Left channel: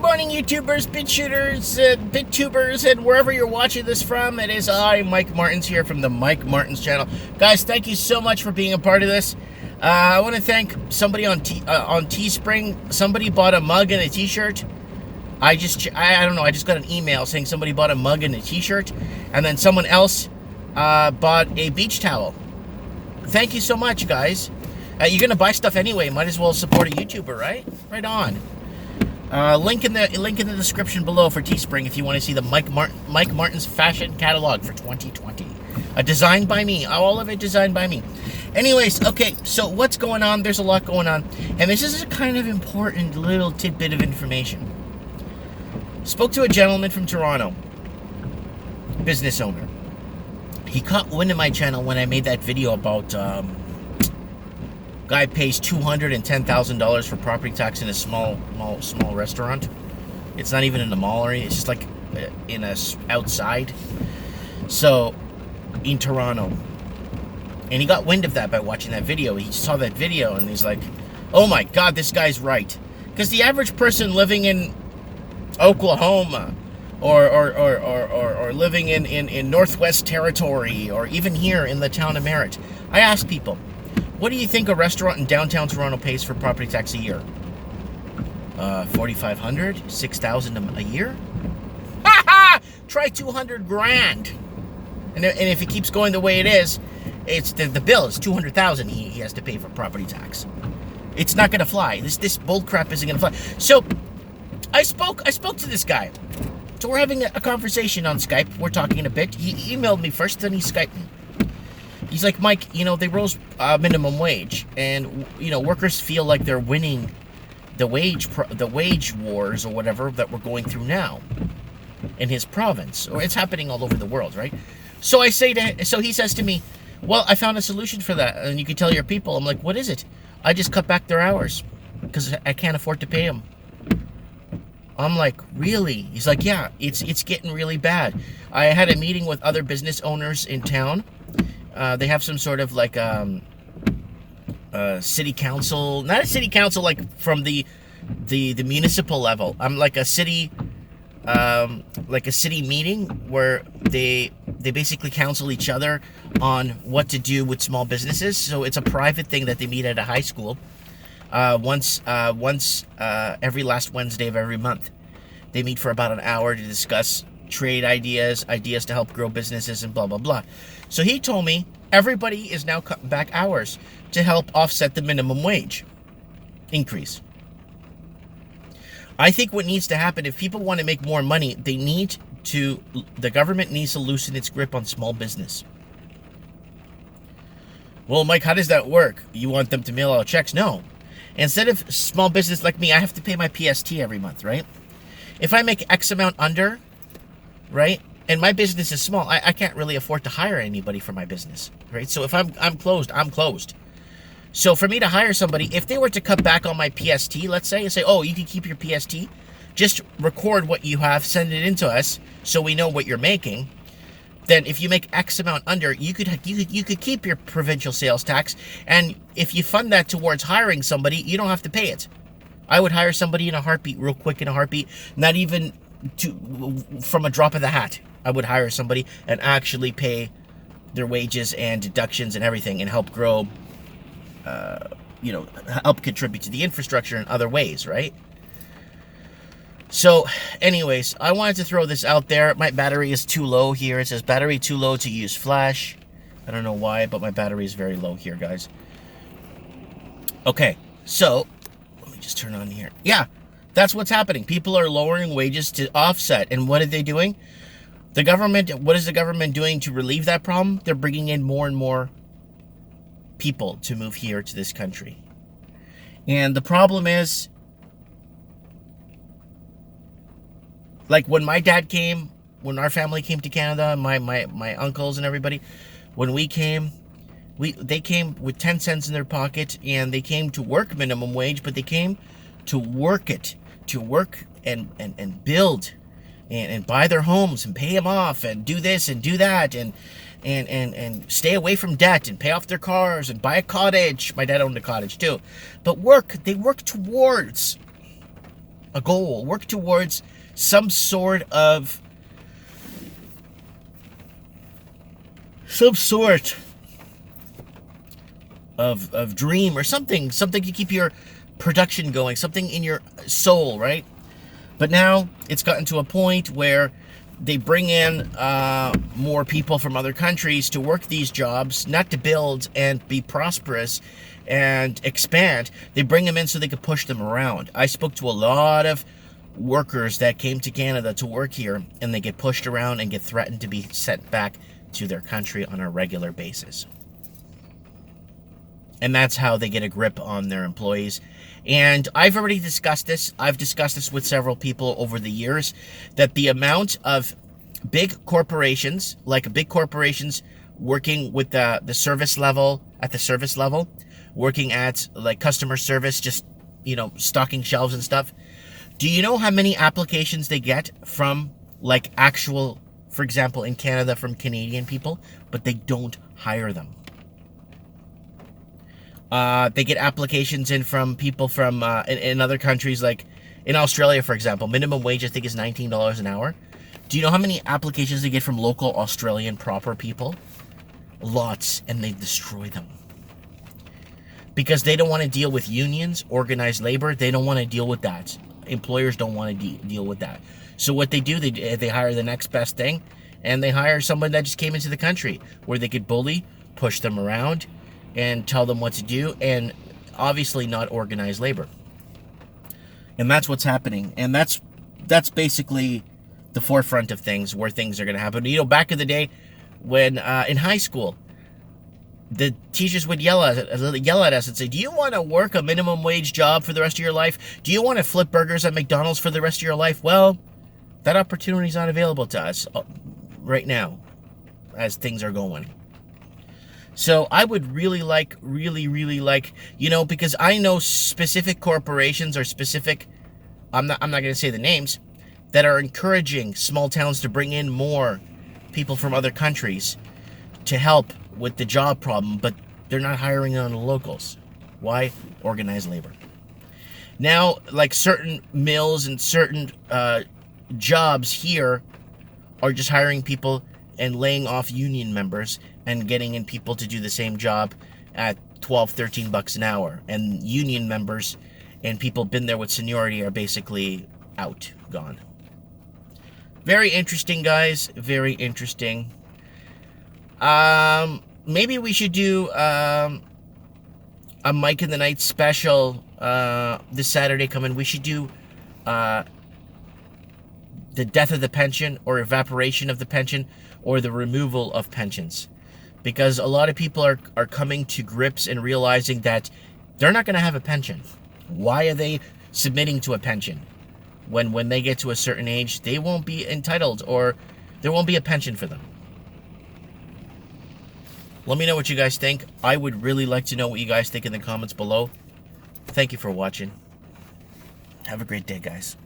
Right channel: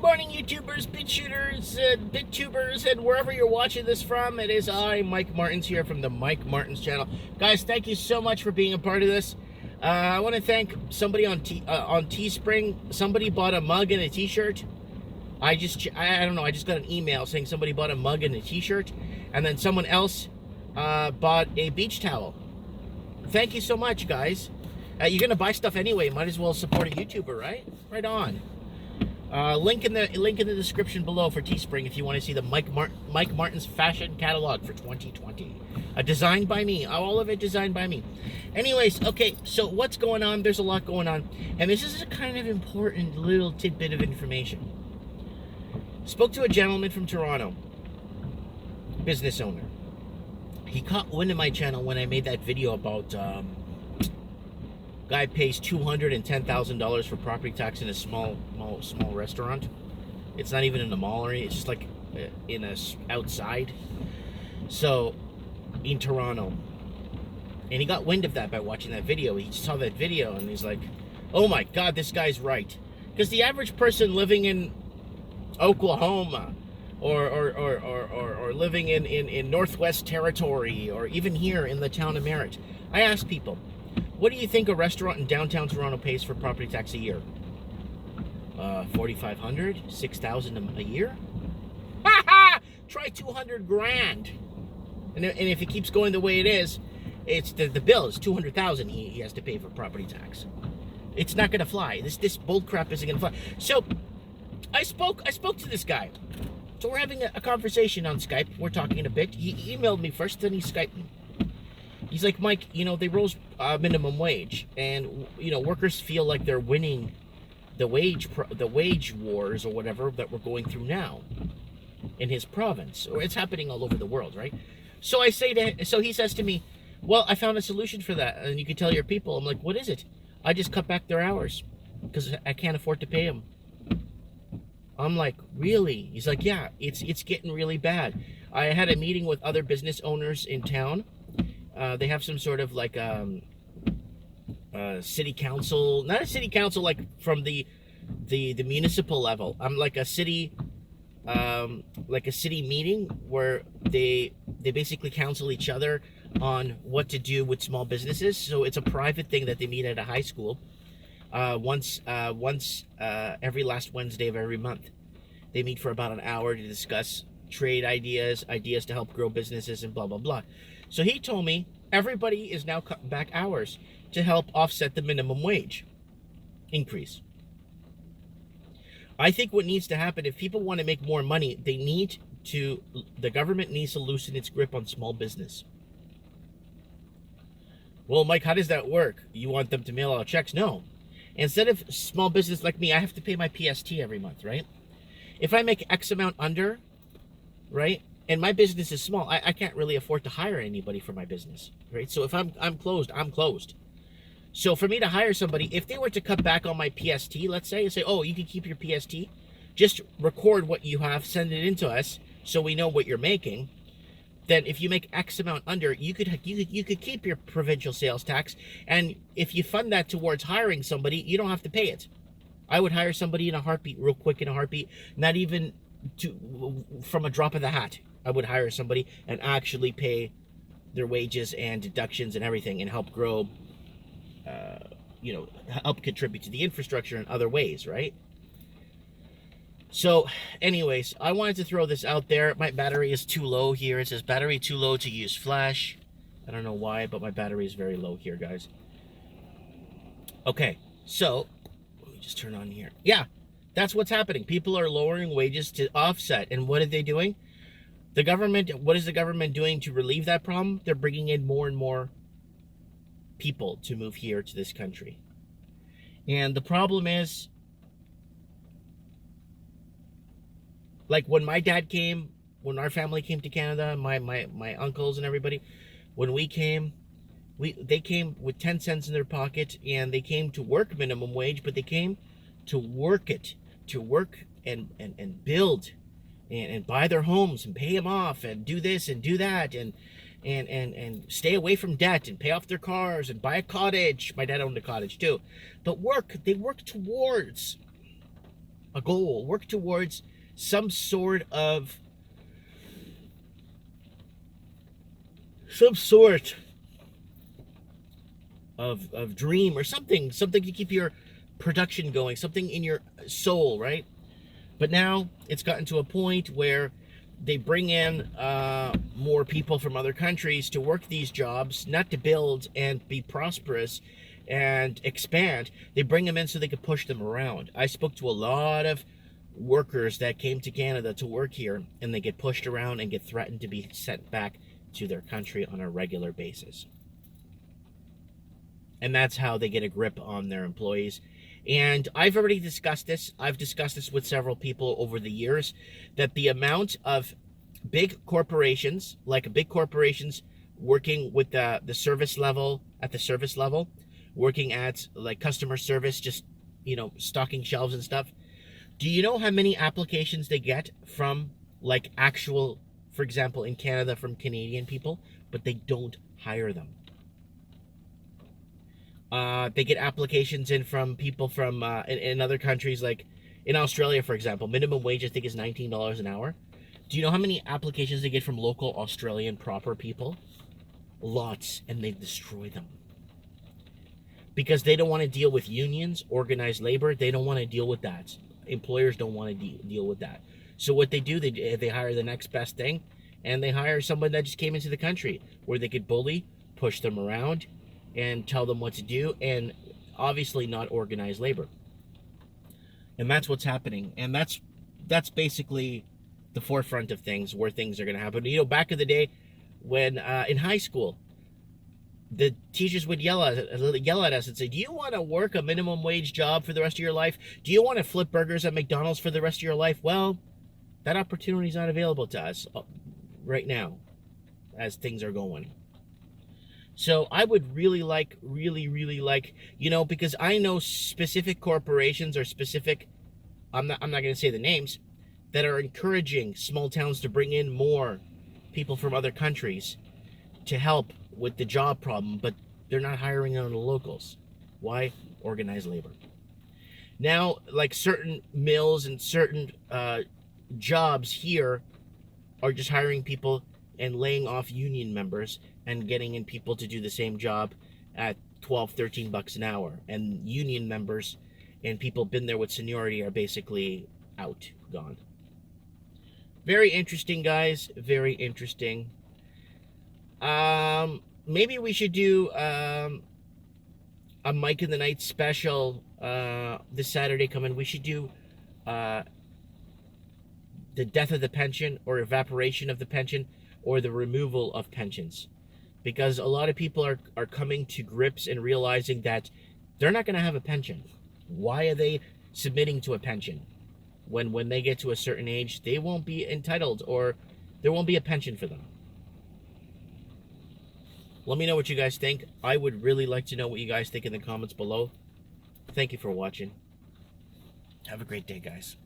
Good morning, YouTubers, bit shooters, bit tubers, and wherever you're watching this from. It is I, Mike Martins, here from the Mike Martins channel. Guys, thank you so much for being a part of this. I want to thank somebody on Teespring. Somebody bought a mug and a t-shirt. I don't know, I just got an email saying somebody bought a mug and a t-shirt, and then someone else bought a beach towel. Thank you so much, guys. You're gonna buy stuff anyway, might as well support a YouTuber, right? Right on. Link in the description below for Teespring if you want to see the Mike Martins fashion catalog for 2020. Designed by me. All of it designed by me. Anyways, okay, so what's going on? There's a lot going on. And this is a kind of important little tidbit of information. Spoke to a gentleman from Toronto. Business owner. He caught wind of my channel when I made that video about guy pays $210,000 for property tax in a small restaurant. It's not even in the mall area. It's just like in a outside. So in Toronto, and he got wind of that by watching that video. He saw that video and he's like, "Oh my God, this guy's right." Because the average person living in Oklahoma or living in Northwest Territory or even here in the town of Merritt, I ask people, what do you think a restaurant in downtown Toronto pays for property tax a year? $4,500, $6,000 a year? Ha ha! Try $200,000. And if it keeps going the way it is, it's the bill is $200,000 he has to pay for property tax. It's not gonna fly. This bull crap isn't gonna fly. So I spoke to this guy. So we're having a conversation on Skype. We're talking a bit. He emailed me first, then he Skyped me. He's like, "Mike, they rose minimum wage, and workers feel like they're winning the wage wars or whatever that we're going through now in his province, or it's happening all over the world, right?" So he says to me, "Well, I found a solution for that, and you can tell your people." I'm like, "What is it?" "I just cut back their hours because I can't afford to pay them." I'm like, "Really?" He's like, "Yeah, it's getting really bad." I had a meeting with other business owners in town. They have some sort of like city council, not a city council like from the municipal level. I'm like a city meeting where they basically counsel each other on what to do with small businesses. So it's a private thing that they meet at a high school once every last Wednesday of every month. They meet for about an hour to discuss trade ideas to help grow businesses and blah blah blah. So he told me everybody is now cutting back hours to help offset the minimum wage increase. I think what needs to happen, if people want to make more money, the government needs to loosen its grip on small business. Well, Mike, how does that work? You want them to mail out checks? No. Instead of small business like me, I have to pay my PST every month, right? If I make X amount under, right? And my business is small, I can't really afford to hire anybody for my business, right? So if I'm closed, I'm closed. So for me to hire somebody, if they were to cut back on my PST, let's say, and say, "Oh, you can keep your PST, just record what you have, send it in to us so we know what you're making," then if you make X amount under, you could keep your provincial sales tax, and if you fund that towards hiring somebody, you don't have to pay it. I would hire somebody in a heartbeat, real quick in a heartbeat, not even from a drop of the hat. I would hire somebody and actually pay their wages and deductions and everything and help grow, help contribute to the infrastructure in other ways, right? So, anyways, I wanted to throw this out there. My battery is too low here. It says battery too low to use flash. I don't know why, but my battery is very low here, guys. Okay, so let me just turn on here. Yeah, that's what's happening. People are lowering wages to offset. And what are they doing? What is the government doing to relieve that problem? They're bringing in more and more people to move here to this country. And the problem is, like when my dad came, when our family came to Canada, my uncles and everybody, when we came, they came with 10 cents in their pocket, and they came to work minimum wage, but they came to work and build and buy their homes and pay them off and do this and do that and stay away from debt and pay off their cars and buy a cottage. My dad owned a cottage too. But they work towards a goal, work towards some sort of dream or something to keep your production going, something in your soul, right? But now it's gotten to a point where they bring in more people from other countries to work these jobs, not to build and be prosperous and expand. They bring them in so they can push them around. I spoke to a lot of workers that came to Canada to work here, and they get pushed around and get threatened to be sent back to their country on a regular basis. And that's how they get a grip on their employees. And I've already discussed this. I've discussed this with several people over the years, that the amount of big corporations, like big corporations working with the service level, at the service level, working at like customer service, just, you know, stocking shelves and stuff. Do you know how many applications they get from like actual, for example, in Canada, from Canadian people, but they don't hire them? They get applications in from people from in other countries, like in Australia, for example. Minimum wage, I think, is $19 an hour. Do you know how many applications they get from local Australian proper people? Lots, and they destroy them. Because they don't want to deal with unions, organized labor. They don't want to deal with that. Employers don't want to deal with that. So what they do, they hire the next best thing, and they hire someone that just came into the country where they could bully, push them around, and tell them what to do, and obviously not organized labor. And that's what's happening. And that's basically the forefront of things, where things are going to happen. You know, back in the day, when in high school, the teachers would yell at us and say, do you want to work a minimum wage job for the rest of your life? Do you want to flip burgers at McDonald's for the rest of your life? Well, that opportunity is not available to us right now as things are going. So I would really like, you know, because I know specific corporations or specific, I'm not going to say the names, that are encouraging small towns to bring in more people from other countries to help with the job problem, but they're not hiring on the locals. Why? Organized labor. Now, like certain mills and certain jobs here are just hiring people and laying off union members and getting in people to do the same job at $12-13 an hour. And union members and people been there with seniority are basically out, gone. Very interesting, guys. Very interesting. Maybe we should do a Mike in the Night special this Saturday coming. We should do the death of the pension, or evaporation of the pension, or the removal of pensions. Because a lot of people are coming to grips and realizing that they're not going to have a pension. Why are they submitting to a pension? When they get to a certain age, they won't be entitled, or there won't be a pension for them. Let me know what you guys think. I would really like to know what you guys think in the comments below. Thank you for watching. Have a great day, guys.